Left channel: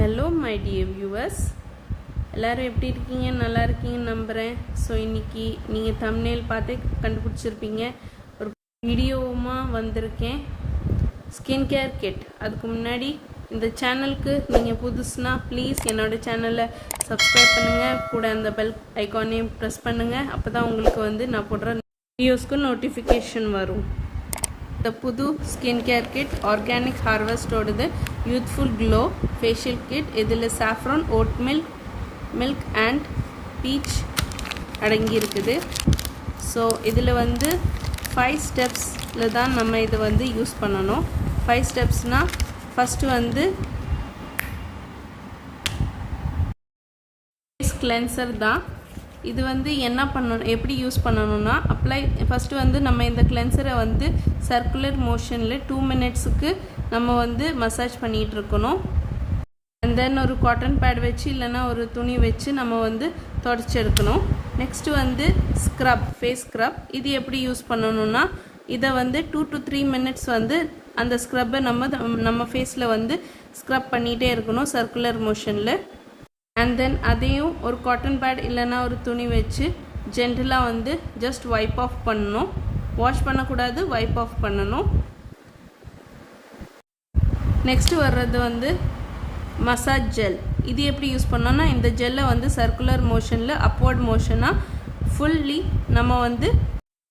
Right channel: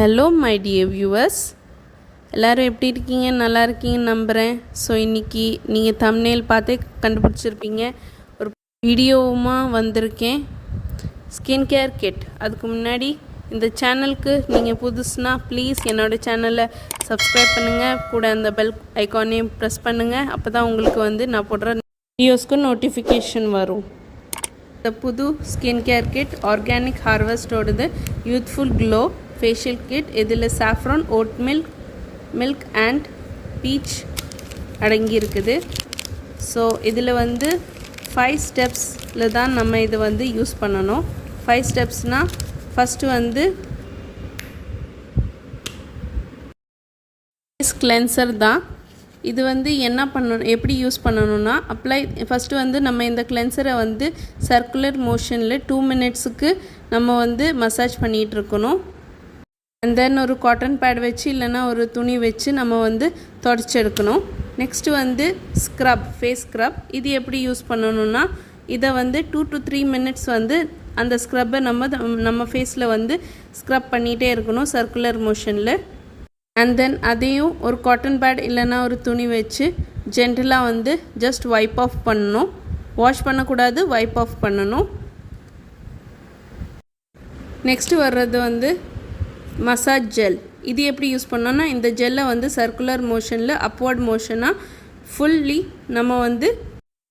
Hello my dear viewers, எல்லோரும் எப்படி இருக்கீங்க? நல்லா இருக்கீங்கன்னு நம்புகிறேன். ஸோ இன்றைக்கி நீங்கள் தம்ப்நெயில் பார்த்தே கண்டுபிடிச்சிருப்பீங்க, ஒரு வீடியோவுமா வந்திருக்கேன். Skin care kit. அதுக்கு முன்னாடி இந்த சேனலுக்கு நீங்கள் புதுசுனா ப்ளீஸ் என்னோடய சேனலை சப்ஸ்கிரைப் பண்ணுங்கள், கூட அந்த பெல் ஐக்கானையும் ப்ரெஸ் பண்ணுங்கள். அப்போ தான் உங்களுக்கு நான் போடுற வீடியோஸ்க்கு நோட்டிஃபிகேஷன் வரும். இந்த புது ஸ்கின் கேர் கிட் ஆர்கானிக் ஹார்வெஸ்டோடது யூத்ஃபுல் க்ளோ ஃபேஷியல் கிட். இதில் saffron, oat milk and peach அடங்கி இருக்குது. ஸோ இதில் 5 ஸ்டெப்ஸில் தான் நம்ம இதை யூஸ் பண்ணணும். 5 ஸ்டெப்ஸ்னால் ஃபஸ்ட்டு ஃபேஸ் கிளென்சர் தான். இது என்ன பண்ணணும், எப்படி யூஸ் பண்ணணும்னா ஃபஸ்ட்டு நம்ம இந்த கிளென்சரை சர்க்குலர் மோஷனில் 2 மினிட்ஸுக்கு நம்ம மசாஜ் பண்ணிகிட்ருக்கணும். அண்ட் தென் ஒரு காட்டன் பேட் வச்சு இல்லைன்னா ஒரு துணி வச்சு நம்ம தொடச்சி எடுக்கணும். Next scrub, face scrub. இது எப்படி யூஸ் பண்ணணும்னா இதை 2 to 3 மினிட்ஸ் அந்த ஸ்க்ரப்பை நம்ம ஃபேஸில் ஸ்க்ரப் பண்ணிகிட்டே இருக்கணும் சர்க்குலர் மோஷனில். அண்ட் தென் அதையும் ஒரு காட்டன் பேட் இல்லைன்னா ஒரு துணி வச்சு ஜென்டலாக ஜஸ்ட் வைப் ஆஃப் பண்ணணும். வாஷ் பண்ணக்கூடாது, வைப் ஆஃப் பண்ணணும். நெக்ஸ்ட்டு வர்றது மசாஜ் ஜெல். இது எப்படி யூஸ் பண்ணோன்னா இந்த ஜெல்லை சர்க்குலர் மோஷனில் அப்வர்ட் மோஷனாக ஃபுல்லி நம்ம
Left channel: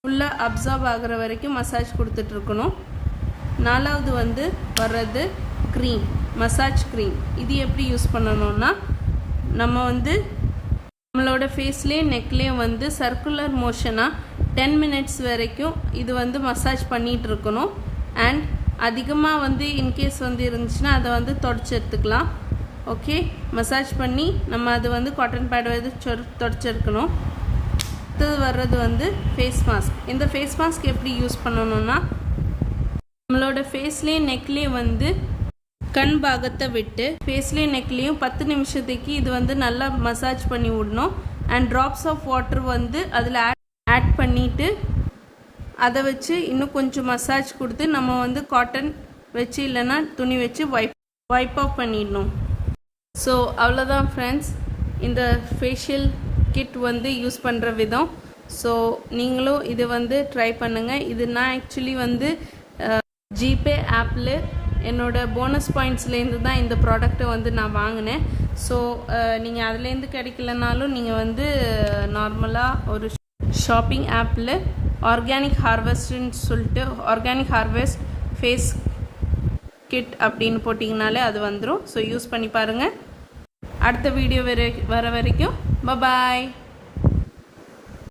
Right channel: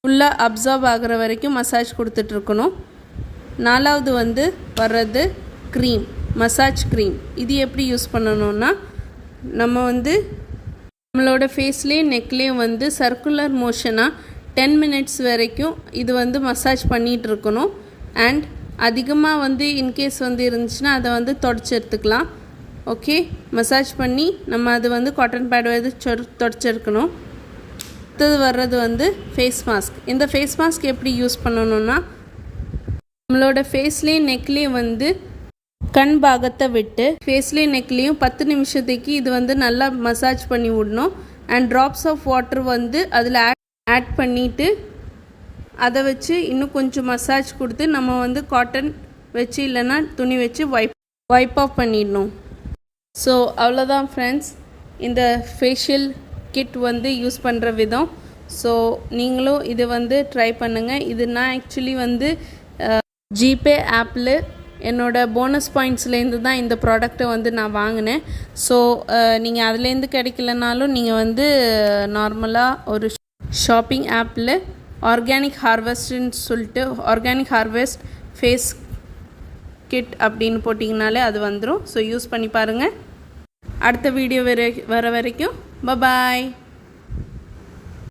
ஃபுல்லாக அப்சார்ப் ஆகிற வரைக்கும் மசாஜ் கொடுத்துட்ருக்கணும். 4வது வர்றது க்ரீம், மசாஜ் க்ரீம். இது எப்படி யூஸ் பண்ணணுன்னா நம்ம நம்மளோட ஃபேஸ்லேயே நெக்லேயே சர்க்குலர் மோஷனாக 10 மினிட்ஸ் வரைக்கும் இது மசாஜ் பண்ணிகிட்டு இருக்கணும். அண்ட் அதிகமாக இன்கேஸ் இருந்துச்சுன்னா அதை தொடச்சி எடுத்துக்கலாம். ஓகே, மசாஜ் பண்ணி நம்ம அது காட்டன் பேட் தொடச்சிருக்கணும். அடுத்தது வர்றது ஃபேஸ் மாஸ்க். இந்த ஃபேஸ் மாஸ்க் எப்படி யூஸ் பண்ணணுன்னா நம்மளோட ஃபேஸ்லேயே நெக்லேயே கண் பாகத்தை விட்டு ஃபேஸ்லேயும் நெக்லேயும் 10 நிமிஷத்துக்கு இது நல்லா மசாஜ் பண்ணி விடணும். அண்ட் ட்ராப்ஸ் ஆஃப் வாட்டர் அதில் ஆட் பண்ணிவிட்டு அதை வச்சு இன்னும் கொஞ்சம் மசாஜ் கொடுத்து நம்ம காட்டன் வச்சு இல்லைன்னா துணி வச்சு வைப் ஆஃப் பண்ணிடணும். ஸோ அவ்வளோதான் ஃப்ரெண்ட்ஸ், இந்த ஃபேஷியல் கிட் யூஸ் பண்ணுற விதம். ஸோ நீங்களும் இதை ட்ரை பண்ணுங்கள். இது நான் ஆக்சுவலி ஜிபே ஆப்பில் என்னோடய போனஸ் பாயிண்ட்ஸ்லேருந்து தான் இந்த ப்ராடக்டை நான் வாங்கினேன். ஸோ நீங்கள் அதுலேருந்து கிடைக்கலனாலும் நீங்கள் நார்மலாக ஒரு ஷாப்பிங் ஆப்பில் ஆர்கானிக் ஹார்வெஸ்ட்னு சொல்லிட்டு ஆர்கானிக் ஹார்வெஸ்ட் ஃபேஸ் கிட் அப்படின்னு போட்டிங்கனாலே அது வந்துடும். ஸோ யூஸ் பண்ணி பாருங்கள். அடுத்த வீடியோ வர வரைக்கும் பாய்.